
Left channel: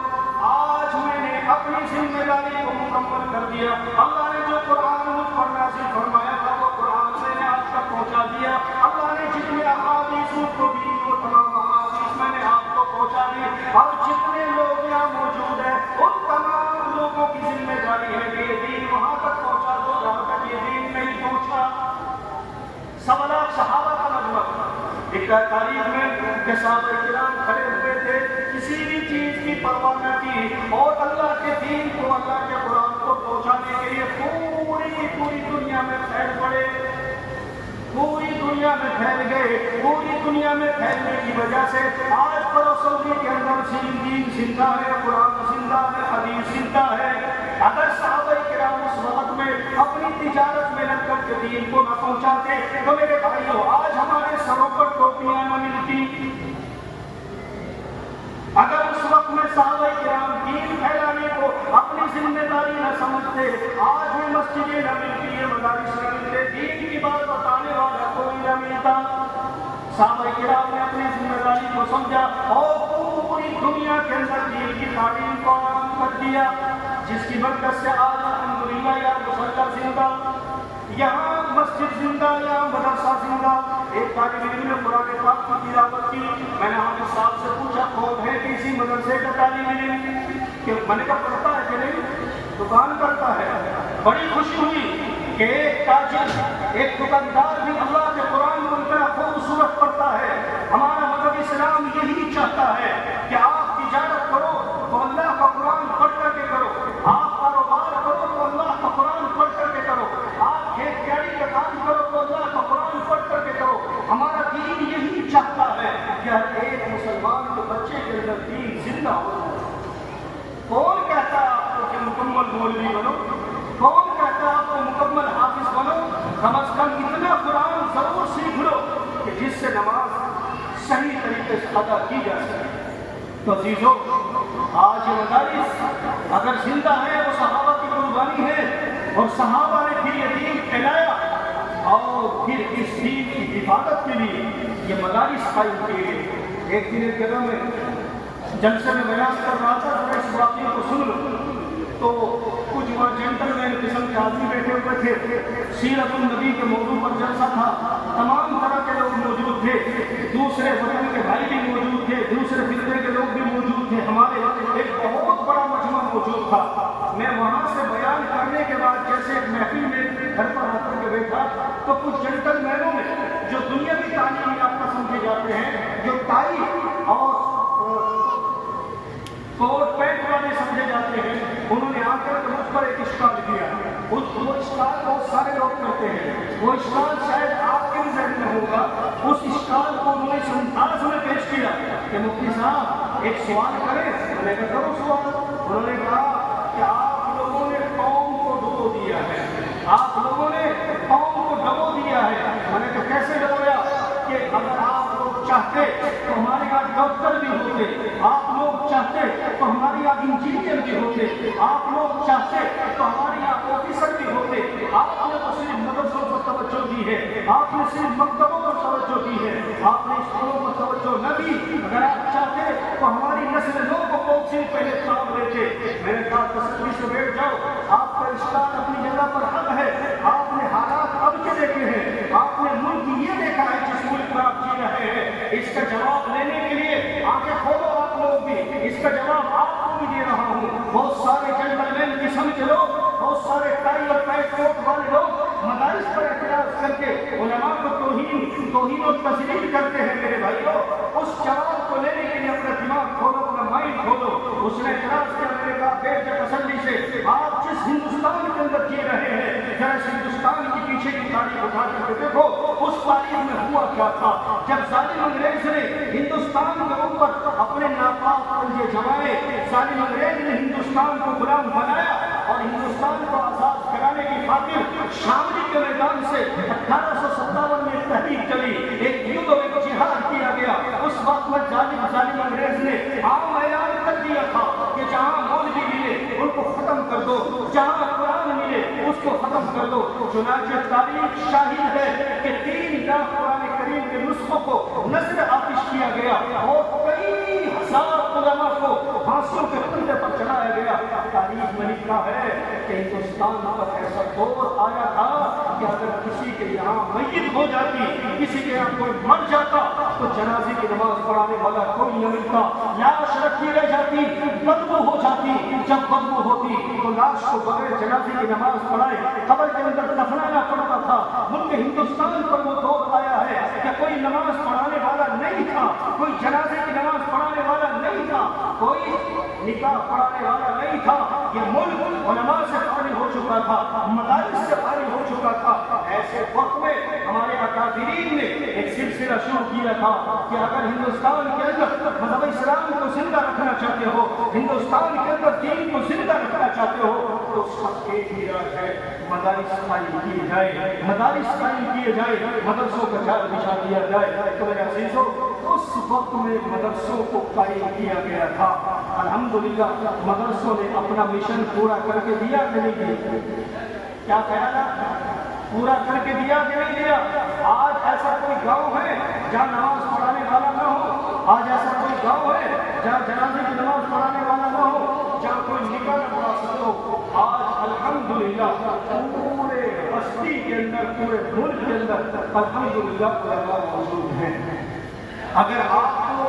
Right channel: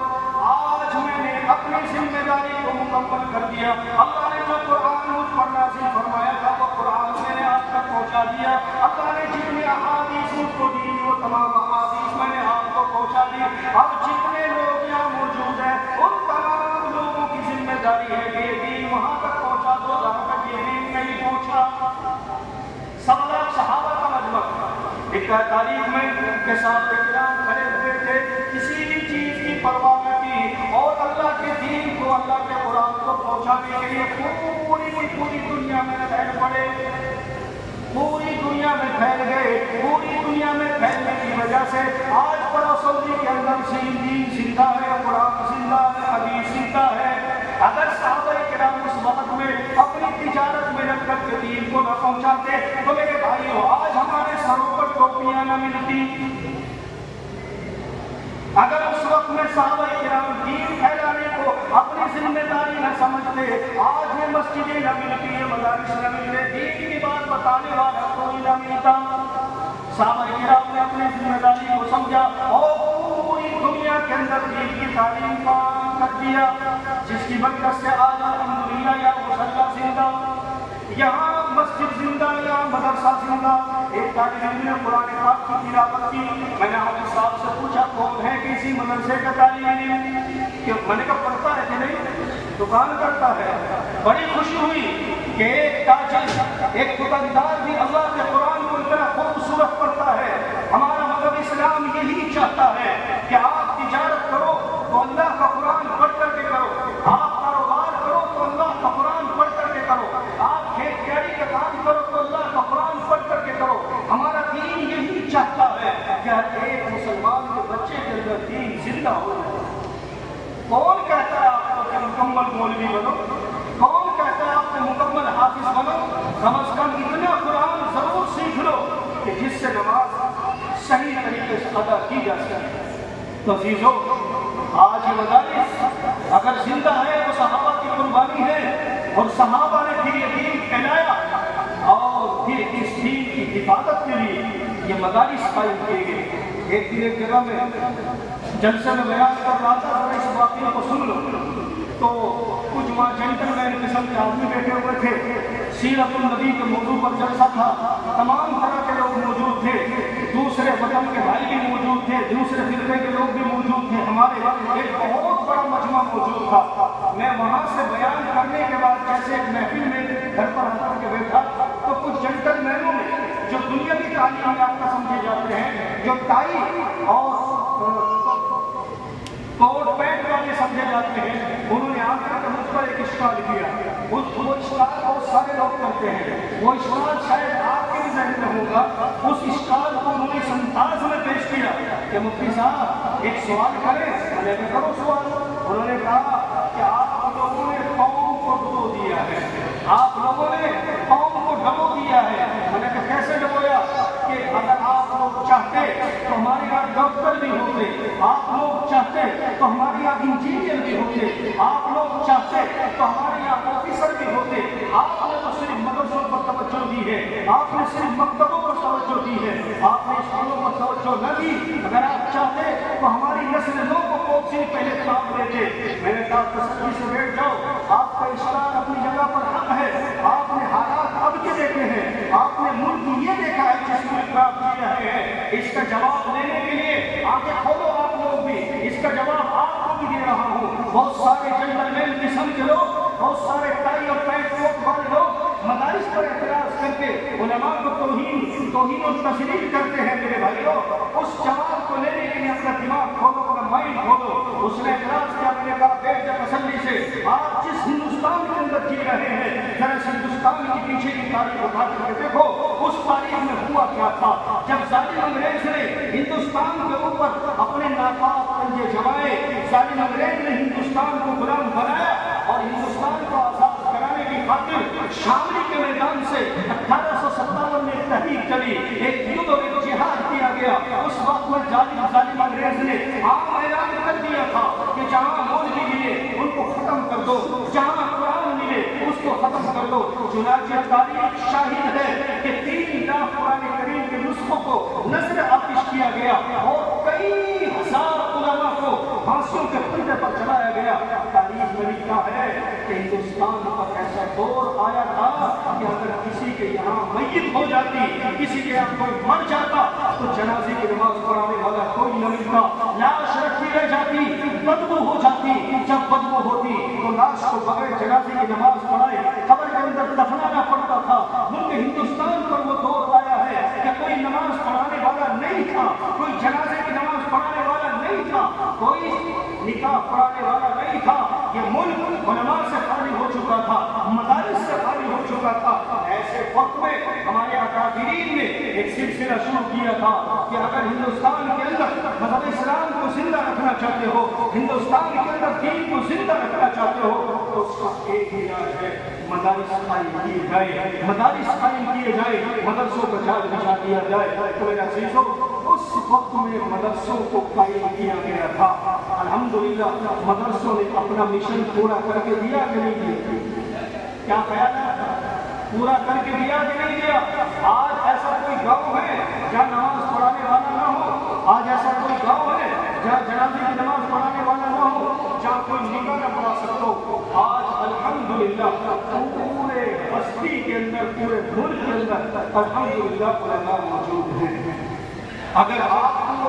آج میں نے اپنی ذمہ داری کو مکمل کر دیا۔ اللہ نے جو قرآن مجھ پر نازل فرمایا تھا وہ قرآن میں نے آپ تک پہنچا دیا۔ اللہ نے جتنے احادیث مجھ کو دی وہ تمام احادیث میں نے آپ کو پہنچا دی، اور جتنے لوگ یہاں موجود ہیں ان تمام لوگوں کی ذمہ داری ہے کہ یہ دین وہاں تک پہنچا دو جہاں تک یہ دین نہیں پہنچا۔ 1.25 لاکھ صحابہ کا مجمع، ایک تاریخ میں کہ صحابہ کرام کھڑے ہوئے تھے، کسی بھی چیز کی پرواہ نہ کی، اور اللہ کے دین کو، اللہ کے قرآن کو پہنچانے کے لیے پوری دنیا میں پھیل پڑے، پوری دنیا میں پھیل گئے۔ پوری دنیا میں پھیلنے کی وجہ سے آج سعودی کے اندر دین زندہ ہے، قرآن زندہ ہے، حدیث زندہ ہے۔ اگر صحابہ کرام اس وقت میں اپنی تجارت میں لگ کر کے دین کو نہ پہنچاتے تو میرے بھائیوں آج ہمارے سروں پر ٹوپیاں نہ ملتی۔ اگر اس وقت میں صحابہ کرام دین پھیلانے کو اپنی ذمہ داری نہ سمجھتے، آج میں مسجدیں نہ ملتی ہیں، مدارس نہ ملتے، دین کی بات بتانے والا کوئی نہ ملتا۔ صحابہ کرام نے اپنی ذمہ داری کو سمجھا اور پوری دنیا کے اندر دین کی تعلیم کو عام کر دیا، جس کی برکت سے آج الحمدللہ یا مصلی زندہ، یہاں مسجد زندہ، یہاں مدرسہ زندہ۔ ایک طالب علم نے قرآن پاک کی تلاوت کی، میں نے حافظ صاحب سے پوچھا کون ہے کسی مدرسے کا طالب علم، کہ میں نے کہا کرتا ہے کہ نہیں، دکان کرتا ہے۔ بڑی خوشی ہوئی کہ ایک تاجر، ایک دکاندار بھی اللہ کے قرآن کو اتنا خوبصورت پڑھتا ہے۔ ہمارا مذہب اسلام یہی چاہتا ہے کہ آپ تجارت کرو تو اللہ کا قرآن پڑھ کر کے کرو، آپ کاروبار کرو تو اللہ کا قرآن پڑھ کر کے کرو، آپ کھیت باڑی کا کام کرو تو اللہ کا قرآن پڑھ کر کے کرو۔ ہمارا دین یہی چاہتا ہے کہ ہر ایک مسلمان کے بچے کے اندر دین زندہ ہو۔ کون کہتا ہے آپ کو کہ مکمل مولوی بنو؟ کون کہتا ہے آپ کو مکمل حافظ بنو؟ کم از کم اتنا قرآن ضرور سیکھ لو کہ جس سے نماز صحیح طریقے سے ادا کی جا سکے۔ تو عزیزو، آج یہ مدارس اگر زندہ ہے تو صحابہ کی قربانی ہے، اور صحابہ نے پھر یہ دین پھیلایا، اور پھر اس دین کی حفاظت کے لیے یہ مدارس قائم کیے گئے۔ ایک دن ایک جگہ میں جلسے میں بیان کر رہا تھا، اور اس واقعے کو سن لو تو کچھ وہاں جنٹل مین قسم کے آدمی بیٹھے ہوئے تھے، سیرت النبی کے موضوع پر جلسہ تھا، تمام طرح کے لوگ موجود تھے، دوسرے وطن کے بھائی بھی موجود تھے، دوسرے فرقے کے لوگ بھی موجود تھے، ہمارے ایک بہت بڑا مجمع موجود تھا۔ میں وہاں سے بیان کرنے کے بعد جیسے ایک محفل میں گھر پر آ کر کے بیٹھا تو کچھ جنٹل مینوں نے جو دنیاوی تعلیم یافتہ سمجھے جاتے ہیں، جو ٹائی اور کوٹ پینٹ والے سمجھے جاتے ہیں، انہوں نے آ کر کے مجھ پر ایک اشکال کیا۔ وہ اشکال بہت سارے لوگ کرتے ہیں، وہ اشکال شاید آپ کے ذہن میں ہوگا۔ اس اشکال کو انہوں نے انداز میں پیش کیا کہ مفتی صاحب ایک سوال کریں۔ میں نے کہا کرو سوال۔ انہوں نے کہا کہ آپ لوگوں نے قوم کو ڈبو دیا ہے، آپ لوگوں نے قوم کو ڈبو دیا ہے۔ میں نے کہا کیسے ڈبویا؟ کہ اگر آپ لوگ چاہتے تو ہمارے یہاں ڈاکٹر بھی ہوتے، آپ لوگ چاہتے تو ہمارے یہاں انجینئر بھی ہوتے، آپ لوگ چاہتے تو ہمارے یہاں آفیسر بھی ہوتے۔ آپ نے تو صرف مدرسوں پر توجہ دی ہے، آپ نے صرف مکتبوں پر توجہ دی ہے، آپ نے اسکولوں پر توجہ نہ دی۔ اگر آپ چاہتے تو ہماری نسل نو کو بہت سی پہلے خواب دیتے۔ میں نے کہا تسلی سے بیٹھ جاؤ، آپ کا اشکال اپنی جگہ پر حق ہے۔ آپ نے حالات اب کے دیکھے ہیں، آپ نے ملک یہ دیکھا ہے جس ملک میں آپ جی رہے ہیں۔ اس کا جواب لینے کے لیے آنکھیں کھولو آپ لوگ بھی، اس کا جواب آپ کو بھی دے رہا ہوں۔ بہت سارے جنٹل مین قسم کے لوگ، بہت سارے ٹائی اور پینٹ کوٹ والے لوگ مدارس پر اعتراض کر کے علماء کو توہین اور تشدید کرتے ہیں۔ میرے بھائیوں، اس جواب کو لینے کے لیے اپنا دماغ کھولو، اپنا مائنڈ کھولو، اس نے اعتراض کیا، میں نے کہا بیٹھ جا تسلی سے، آپ جس ہندوستان کے اندر جی رہے ہیں ذرا اس ہندوستان کی پیچھے کی تاریخ اٹھا کر کے دیکھو، اس تاریخ میں ہوا کیا تھا جب ظالم انگریز نے ہندوستان کے اوپر اپنے ناپاک پنجے جمائے، ظالم انگریز نے ہندوستان کو غلام بنایا اور ہندوستان کو آزاد کرانے کی خاطر شاملی کے میدان سے 1857 میں ایک تحریک چلی، ایک یدھ اور ایک جہاد کیا گیا۔ اس وقت میں ظالم انگریز نے عام اعلان کر دیا تھا کہ جہاں مولوی ملے ان کو ختم کر دو، جہاں قرآن ملے اس کو ختم کر دو۔ چنانچہ تاریخ شاہد ہے کہ 3 لاکھ قرآن کریم کے نسخوں کو نظر آتش کیا گیا اور کئی ہزار علماء کو پھانسیوں کے پھندے پر چڑھایا گیا۔ تاریخ میں لکھا ہے کہ ہندوستان پر ایسا دور آیا تھا کہ اگر کسی کے یہاں میت ہو جاتی، کسی کے یہاں کوئی مر جاتا تو جنازے کی نماز پڑھانے والا کوئی نہ ملتا، لاش رکھی رہ جاتی، بدبو ہو جاتی، جب بدبو ہوتی تو لاش کو بغیر جنازے کی نماز پڑھائے قبر کے اندر دفنانا پڑتا تھا۔ ملک ہندوستان پر وہ دور آیا ہے کہ کوئی نماز پڑھانے والا نہیں تھا، کوئی جنازے کی نماز پڑھانے والا نہیں تھا، کوئی نکاح پڑھانے والا نہیں تھا۔ یہ ملک علماء سے خالی ہو چکا تھا، مدارس سے خالی ہو چکا تھا۔ ایسے وقت میں ہمارے اکابرین نے ایک سلسلہ شروع کیا تھا کہ اگر ہندوستان کے اندر مذہب اسلام کو زندہ رکھنا چاہتے ہو، ہندوستان کے اندر دین کو زندہ رکھنا چاہتے ہو تو اس کا ایک ہی راز ہے، مدارس قائم کیے جائے، مدارس قائم کیے جائے، مدرسوں کا جال بچھا دیا جائے۔ تو میرے عزیزوں، اس وقت میں مدرسوں کو قائم کیا گیا تھا۔ الحمدللہ مدرسوں نے اپنا مشن پورا کر کے دیا کہ نہیں دیا؟ کیا خیال ہے؟ پورا کر کے دیا کہ نہیں دیا؟ آج ایسا کوئی گاؤں ہے جہاں نماز پڑھانے والا نہ ہو؟ آج ایسا کوئی گاؤں ہے جہاں جنازے کی نماز پڑھانے والا نہ ہو، جہاں کوئی نکاح نہ پڑھا سکتا ہو؟ آج الحمدللہ پورے بستی کے اندر، پورے ملک کے اندر الحمدللہ علماء موجود ہیں۔ اگر آپ کو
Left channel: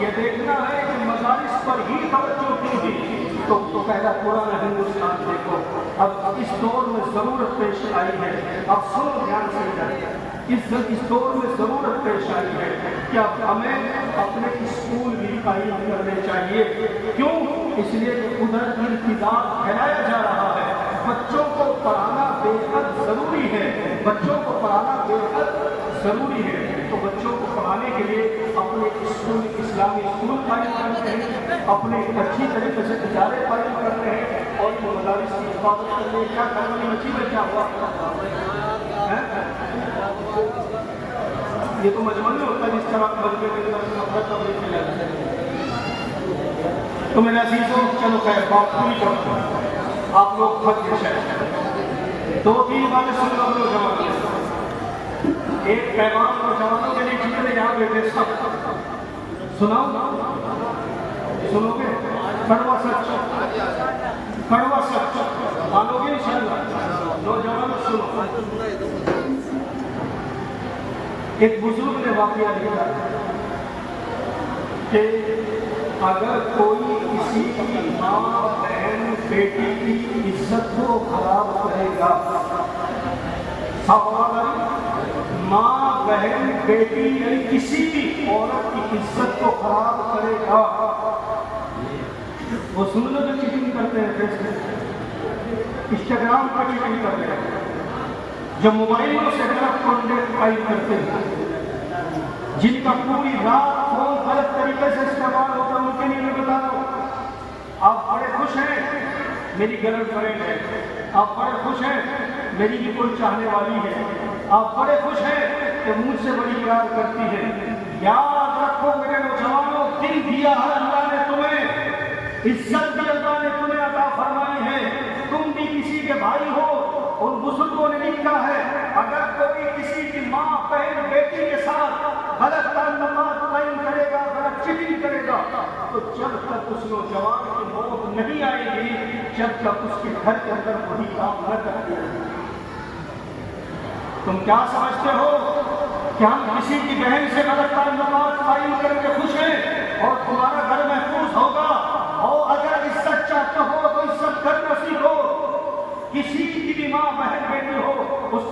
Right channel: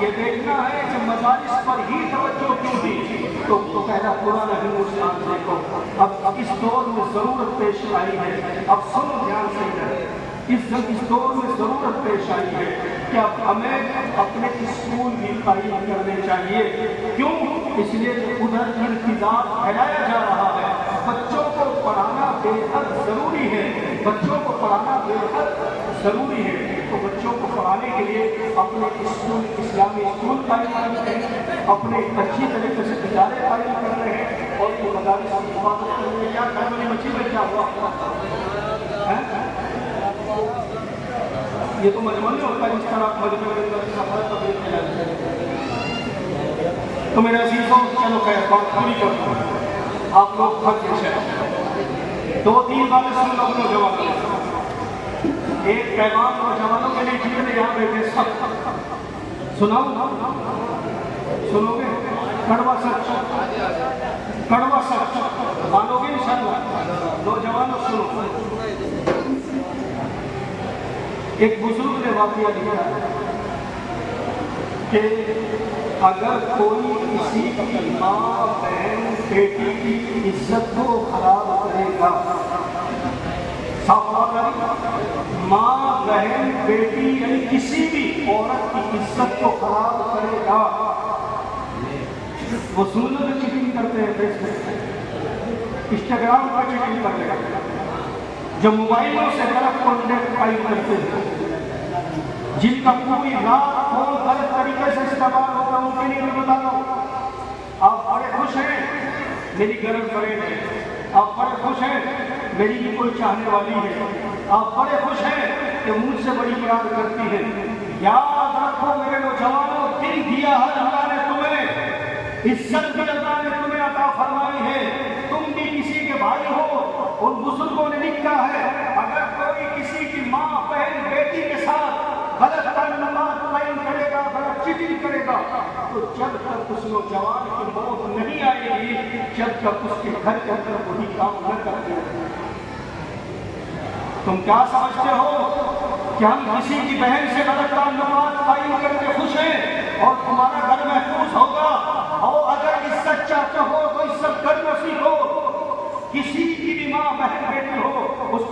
یہ دیکھنا ہے کہ مدارس پر ہی توجہ کیوں دی تو پہلا پرانا ہندوستان دیکھو۔ اب اس دور میں ضرورت پیش آئی ہے، اب سنو دھیان سے ادھر، اس دور میں ضرورت پیش آئی ہے کہ اب ہمیں اپنے اسکول بھی قائم کرنے چاہیے۔ کیوں؟ اس لیے کہ ادھر انتظار پھیلایا جا رہا ہے۔ بچوں کو پڑھانا بے حد ضروری ہے، بچوں کو پڑھانا بے حد ضروری ہے۔ تو بچوں کو پڑھانے کے لیے اپنے اسکول، اسلامی اسکول قائم کرتے ہیں، اپنے اچھی طریقے سے ادارے قائم کرتے ہیں اور یہ مدارس کی حفاظت کرنے میں کیا کرنے میں مچھی کیا ہوا؟ یہ تو مجمع نہیں ہوتا جس طرح مجمع کے اندر خبر تبلیغ کھلائی جائے۔ تو میرے عزیزوں، چلو خیر بات پوری کرتے ہیں، آپ لوگ تھک گئے ہیں، 2-3 باتیں سن لو نوجوانوں۔ ایک پیغام نوجوانوں کے لیے جتنے یہاں بیٹھے سب سناؤ، سنو گے؟ کڑوا سچ، کڑوا سچ مانو گے انشاءاللہ؟ نوجوانوں سنو، ایک بزرگ نے واقعہ لکھا کہ اگر کوئی کسی کی ماں، بہن، بیٹی کی عزت کو خراب کرے گا، ماں، بہن، بیٹی یعنی کسی بھی عورت کی عزت کو خراب کرے گا، وہ سننے میں چیٹنگ کرتے ہیں، فیس بک، انسٹاگرام پر چیٹنگ کرتے ہیں، جو موبائلوں سے غلط کانٹیکٹ فائل کرتے ہیں، جن کا پوری رات فون غلط طریقے سے استعمال ہوتا ہے، ان کے لیے میں بتا رہا ہوں۔ آپ بڑے خوش ہیں میری گرل فرینڈ ہے، آپ بڑے خوش ہیں میری بھی کوئی چاہنے والی ہے، آپ بڑے خوش ہیں کہ مجھ سے بڑی پیار کرتی ہے۔ یاد رکھو میرے نوجوانوں، دل دیا ہے اللہ نے تمہیں، عزت بھی اللہ نے تمہیں عطا فرمائی ہے، تم بھی کسی کے بھائی ہو۔ ان بزرگوں نے لکھا ہے اگر کوئی کسی کی ماں، بہن، بیٹی کے ساتھ غلط تعلقات قائم کرے گا، غلط چیٹنگ کرے گا، تو جب تک اس نوجوان کی موت نہیں آئے گی، جب تک اس کے گھر کے اندر وہی کام نہ کرتے ہیں۔ تم کیا سمجھتے ہو کہ ہم کسی کی بہن سے غلط تعلقات قائم کر کے خوش ہیں اور تمہارا گھر محفوظ ہوگا؟ اور اگر عزت چاہتے ہو تو عزت کرنا سیکھو۔ کسی کی بھی ماں، بہن، بیٹی ہو، اس